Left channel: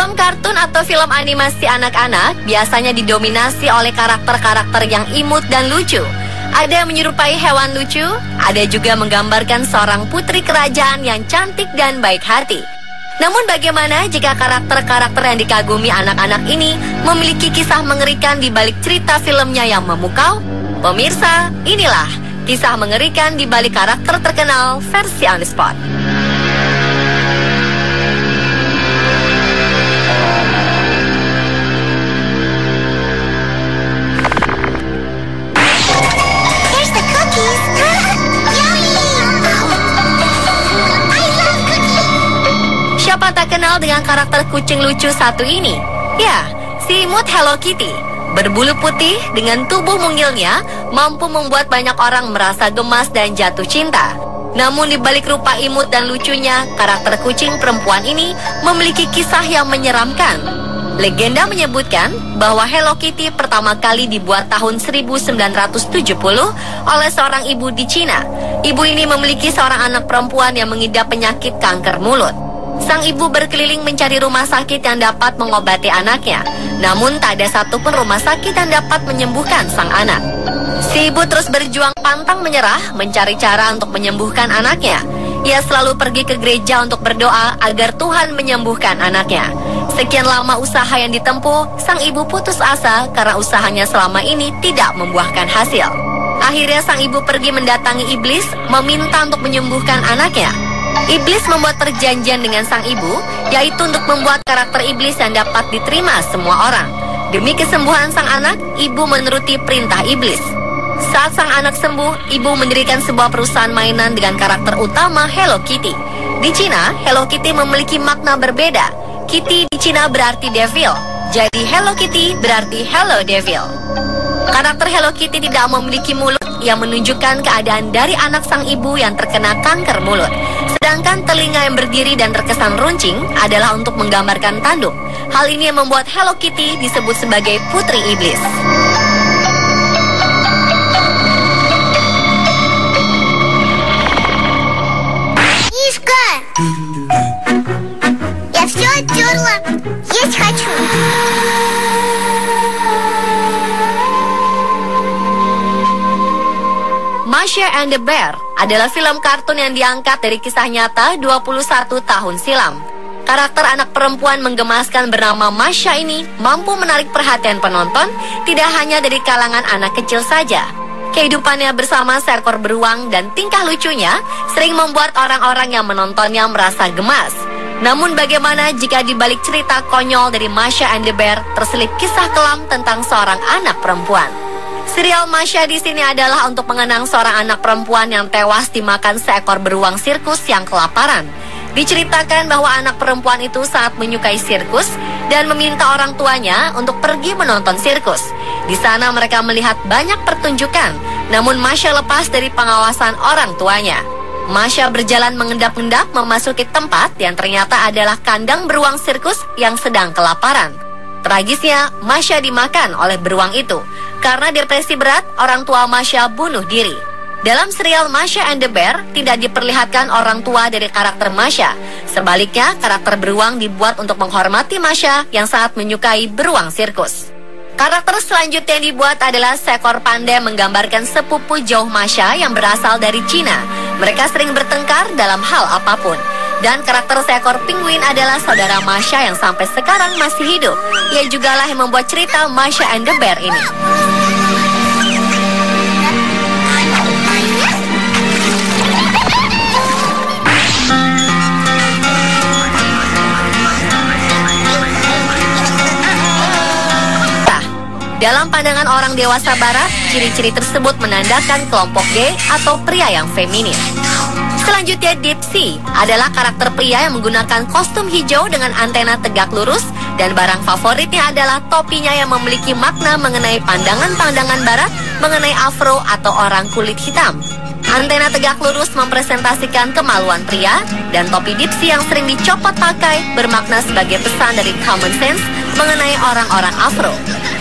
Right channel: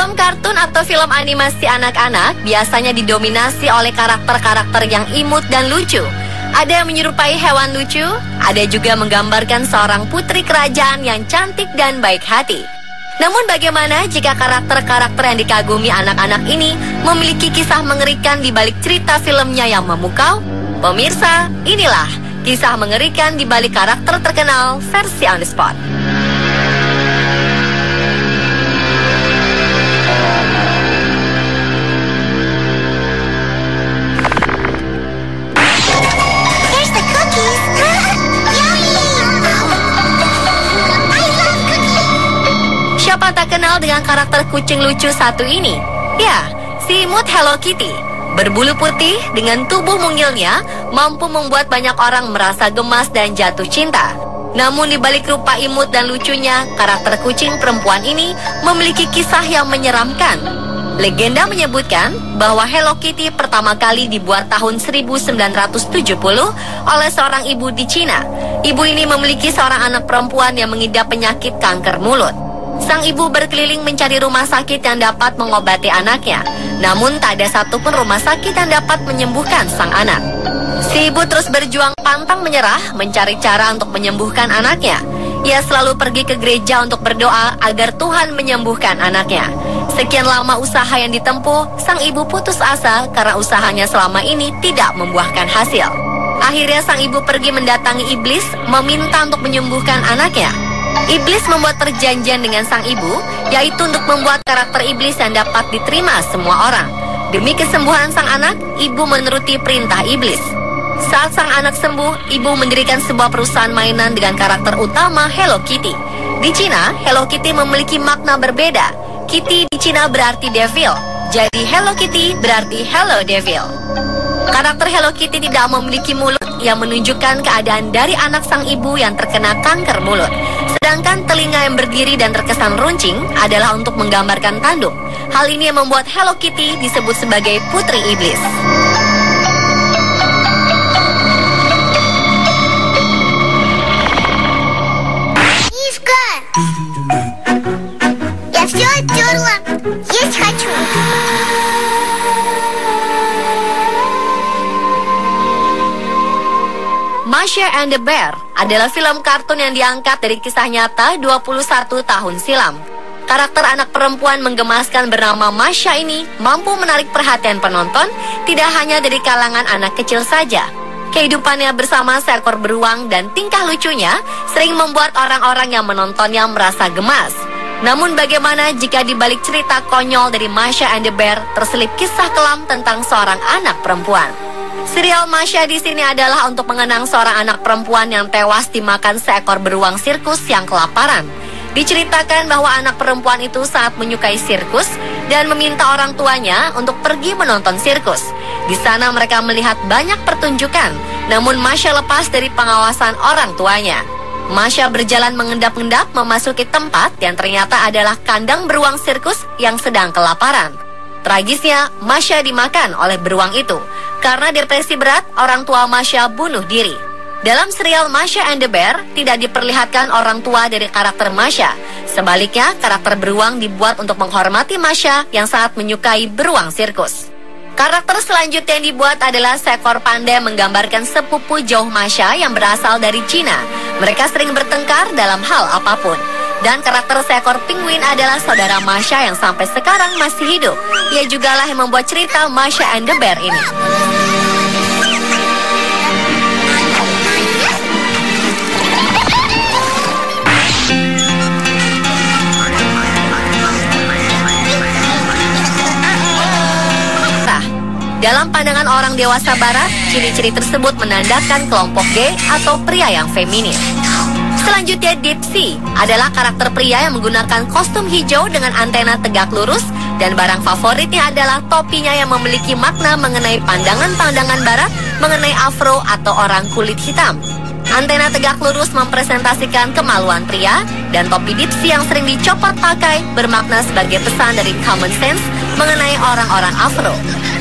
Film kartun atau film animasi anak-anak biasanya didominasi oleh karakter-karakter yang imut dan lucu. Ada yang menyerupai hewan lucu, ada juga menggambarkan seorang putri kerajaan yang cantik dan baik hati. Namun bagaimana jika karakter-karakter yang dikagumi anak-anak ini memiliki kisah mengerikan di balik cerita filmnya yang memukau? Pemirsa, inilah kisah mengerikan di balik karakter terkenal versi On The Spot. Siapa tak kenal dengan karakter kucing lucu satu ini? Ya, si imut Hello Kitty. Berbulu putih dengan tubuh mungilnya mampu membuat banyak orang merasa gemas dan jatuh cinta. Namun di balik rupa imut dan lucunya, karakter kucing perempuan ini memiliki kisah yang menyeramkan. Legenda menyebutkan bahwa Hello Kitty pertama kali dibuat tahun 1970 oleh seorang ibu di Cina. Ibu ini memiliki seorang anak perempuan yang mengidap penyakit kanker mulut. Sang ibu berkeliling mencari rumah sakit yang dapat mengobati anaknya. Namun tak ada satupun rumah sakit yang dapat menyembuhkan sang anak. Si ibu terus berjuang pantang menyerah mencari cara untuk menyembuhkan anaknya. Ia selalu pergi ke gereja untuk berdoa agar Tuhan menyembuhkan anaknya. Sekian lama usaha yang ditempuh, sang ibu putus asa karena usahanya selama ini tidak membuahkan hasil. Akhirnya sang ibu pergi mendatangi iblis meminta untuk menyembuhkan anaknya. Iblis membuat perjanjian dengan sang ibu, yaitu untuk membuat karakter iblis yang dapat diterima semua orang. Demi kesembuhan sang anak, ibu menuruti perintah iblis. Saat sang anak sembuh, ibu mendirikan sebuah perusahaan mainan dengan karakter utama Hello Kitty. Di Cina, Hello Kitty memiliki makna berbeda. Kitty di Cina berarti devil, jadi Hello Kitty berarti Hello Devil. Karakter Hello Kitty tidak memiliki mulut yang menunjukkan keadaan dari anak sang ibu yang terkena kanker mulut. Sedangkan telinga yang berdiri dan terkesan runcing adalah untuk menggambarkan tanduk. Hal ini yang membuat Hello Kitty disebut sebagai putri iblis. Мишка! Я все оттерла. Есть хочу. Masha and the Bear adalah film kartun yang diangkat dari kisah nyata 21 tahun silam. Karakter anak perempuan menggemaskan bernama Masha ini mampu menarik perhatian penonton tidak hanya dari kalangan anak kecil saja. Kehidupannya bersama seekor beruang dan tingkah lucunya sering membuat orang-orang yang menontonnya merasa gemas. Namun bagaimana jika di balik cerita konyol dari Masha and the Bear terselip kisah kelam tentang seorang anak perempuan? Serial Masha di sini adalah untuk mengenang seorang anak perempuan yang tewas dimakan seekor beruang sirkus yang kelaparan. Diceritakan bahwa anak perempuan itu sangat menyukai sirkus dan meminta orang tuanya untuk pergi menonton sirkus. Di sana mereka melihat banyak pertunjukan, namun Masha lepas dari pengawasan orang tuanya. Masha berjalan mengendap-endap memasuki tempat yang ternyata adalah kandang beruang sirkus yang sedang kelaparan. Tragisnya, Masha dimakan oleh beruang itu. Karena depresi berat, orang tua Masha bunuh diri. Dalam serial Masha and the Bear, tidak diperlihatkan orang tua dari karakter Masha. Sebaliknya, karakter beruang dibuat untuk menghormati Masha yang sangat menyukai beruang sirkus. Karakter selanjutnya yang dibuat adalah seekor panda menggambarkan sepupu jauh Masha yang berasal dari Cina. Mereka sering bertengkar dalam hal apapun. Dan karakter seekor penguin adalah saudara Masha yang sampai sekarang masih hidup. Ia jugalah yang membuat cerita Masha and the Bear ini. Dalam pandangan orang dewasa barat, ciri-ciri tersebut menandakan kelompok gay atau pria yang feminin. Selanjutnya, Dipsy adalah karakter pria yang menggunakan kostum hijau dengan antena tegak lurus, dan barang favoritnya adalah topinya yang memiliki makna mengenai pandangan-pandangan barat mengenai afro atau orang kulit hitam. Antena tegak lurus mempresentasikan kemaluan pria, dan topi Dipsy yang sering dicopot pakai bermakna sebagai pesan dari common sense mengenai orang-orang afro.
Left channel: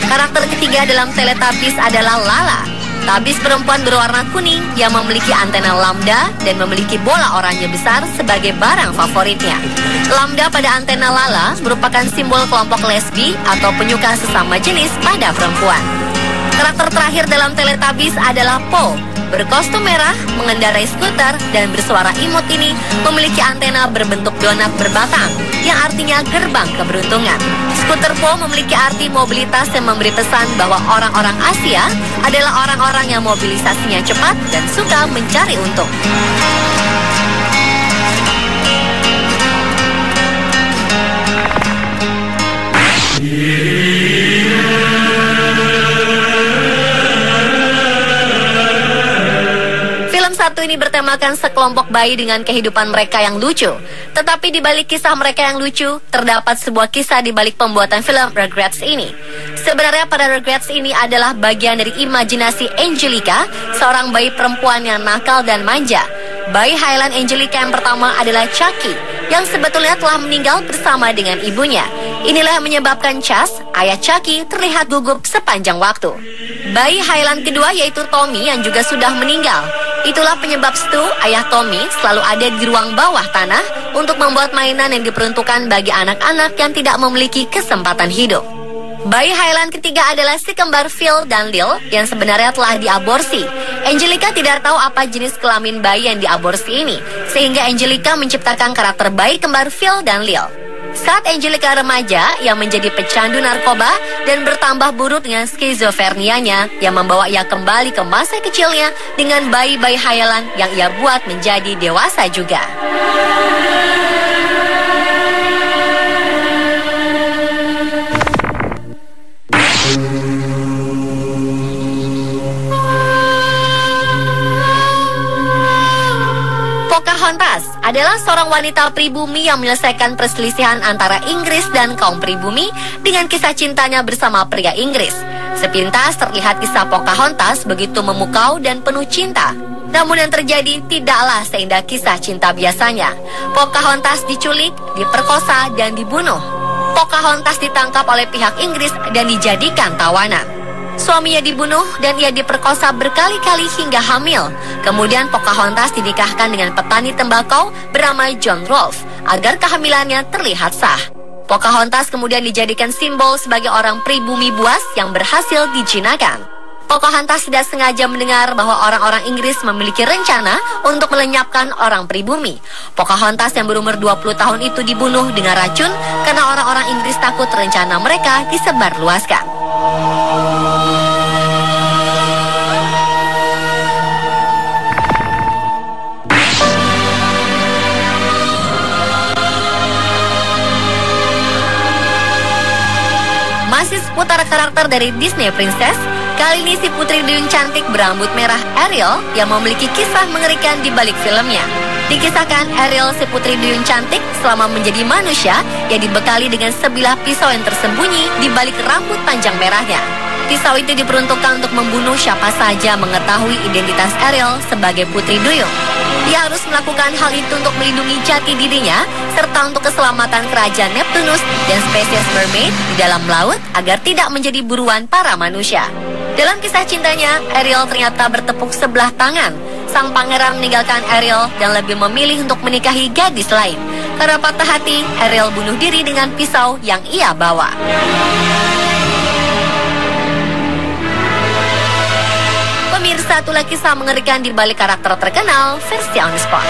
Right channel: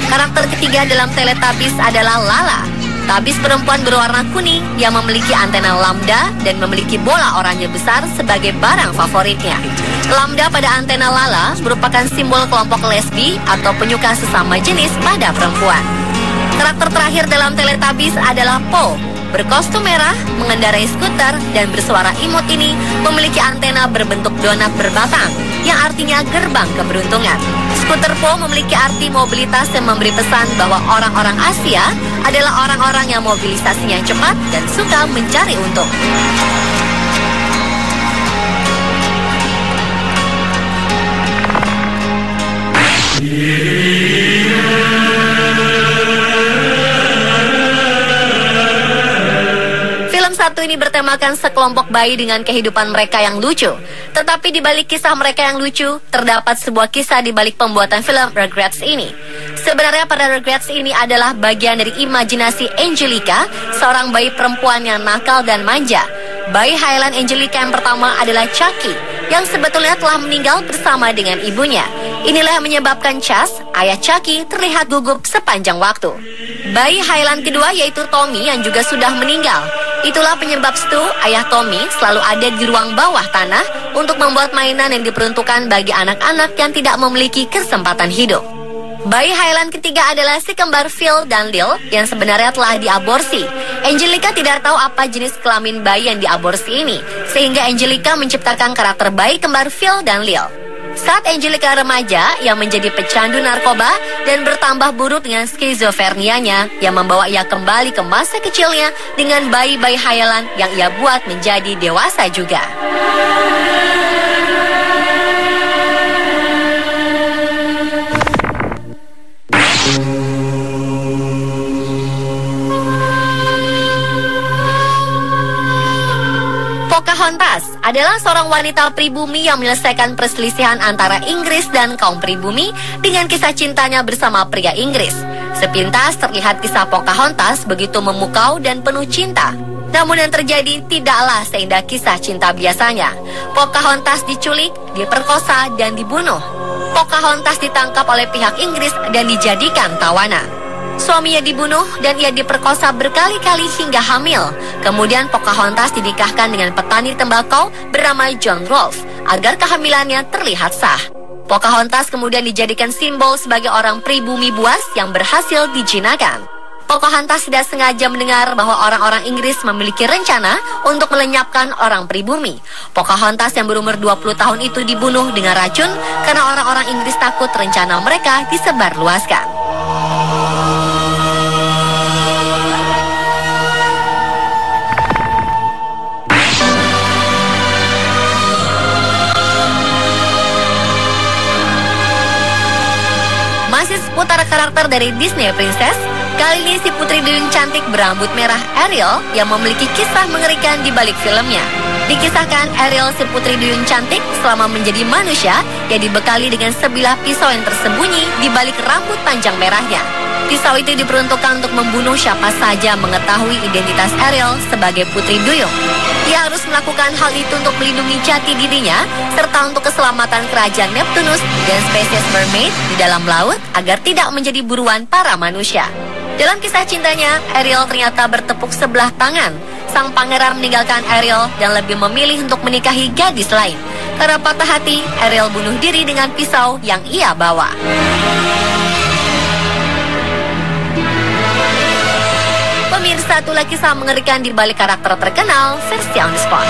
Karakter ketiga dalam Teletubbies adalah Lala. Tabis perempuan berwarna kuning yang memiliki antena lambda dan memiliki bola oranye besar sebagai barang favoritnya. Lambda pada antena Lala merupakan simbol kelompok lesbi atau penyuka sesama jenis pada perempuan. Karakter terakhir dalam Teletubbies adalah Po. Berkostum merah, mengendarai skuter, dan bersuara imut ini memiliki antena berbentuk donat berbatang, yang artinya gerbang keberuntungan. Skuter Po memiliki arti mobilitas dan memberi pesan bahwa orang-orang Asia adalah orang-orang yang mobilisasinya cepat dan suka mencari untung. Satu ini bertemakan sekelompok bayi dengan kehidupan mereka yang lucu. Tetapi di balik kisah mereka yang lucu, terdapat sebuah kisah di balik pembuatan film Regrets ini. Sebenarnya pada Regrets ini adalah bagian dari imajinasi Angelica, seorang bayi perempuan yang nakal dan manja. Bayi Highland Angelica yang pertama adalah Chucky, yang sebetulnya telah meninggal bersama dengan ibunya. Inilah yang menyebabkan Chas, ayah Chucky, terlihat gugup sepanjang waktu. Bayi Highland kedua yaitu Tommy yang juga sudah meninggal. Itulah penyebab Stu, ayah Tommy, selalu ada di ruang bawah tanah untuk membuat mainan yang diperuntukkan bagi anak-anak yang tidak memiliki kesempatan hidup. Bayi Highland ketiga adalah si kembar Phil dan Lil yang sebenarnya telah diaborsi. Angelica tidak tahu apa jenis kelamin bayi yang diaborsi ini, sehingga Angelica menciptakan karakter bayi kembar Phil dan Lil. Saat Angelica remaja yang menjadi pecandu narkoba dan bertambah buruk dengan skizofrenianya yang membawa ia kembali ke masa kecilnya dengan bayi-bayi Highland yang ia buat menjadi dewasa juga. Pocahontas adalah seorang wanita pribumi yang menyelesaikan perselisihan antara Inggris dan kaum pribumi dengan kisah cintanya bersama pria Inggris. Sepintas terlihat kisah Pocahontas begitu memukau dan penuh cinta. Namun yang terjadi tidaklah seindah kisah cinta biasanya. Pocahontas diculik, diperkosa, dan dibunuh. Pocahontas ditangkap oleh pihak Inggris dan dijadikan tawanan. Suaminya dibunuh dan ia diperkosa berkali-kali hingga hamil. Kemudian Pocahontas dinikahkan dengan petani tembakau bernama John Rolfe agar kehamilannya terlihat sah. Pocahontas kemudian dijadikan simbol sebagai orang pribumi buas yang berhasil dijinakan. Pocahontas tidak sengaja mendengar bahwa orang-orang Inggris memiliki rencana untuk melenyapkan orang pribumi. Pocahontas yang berumur 20 tahun itu dibunuh dengan racun karena orang-orang Inggris takut rencana mereka disebarluaskan. Seputar karakter dari Disney Princess, kali ini si putri duyung cantik berambut merah Ariel yang memiliki kisah mengerikan di balik filmnya. Dikisahkan Ariel si putri duyung cantik selama menjadi manusia yang dibekali dengan sebilah pisau yang tersembunyi di balik rambut panjang merahnya. Pisau itu diperuntukkan untuk membunuh siapa saja mengetahui identitas Ariel sebagai putri duyung. Dia harus melakukan hal itu untuk melindungi jati dirinya serta untuk keselamatan kerajaan Neptunus dan spesies mermaid di dalam laut agar tidak menjadi buruan para manusia. Dalam kisah cintanya, Ariel ternyata bertepuk sebelah tangan. Sang pangeran meninggalkan Ariel dan lebih memilih untuk menikahi gadis lain. Karena patah hati, Ariel bunuh diri dengan pisau yang ia bawa. Pemirsa, itulah kisah mengerikan di balik karakter terkenal versi on the spot.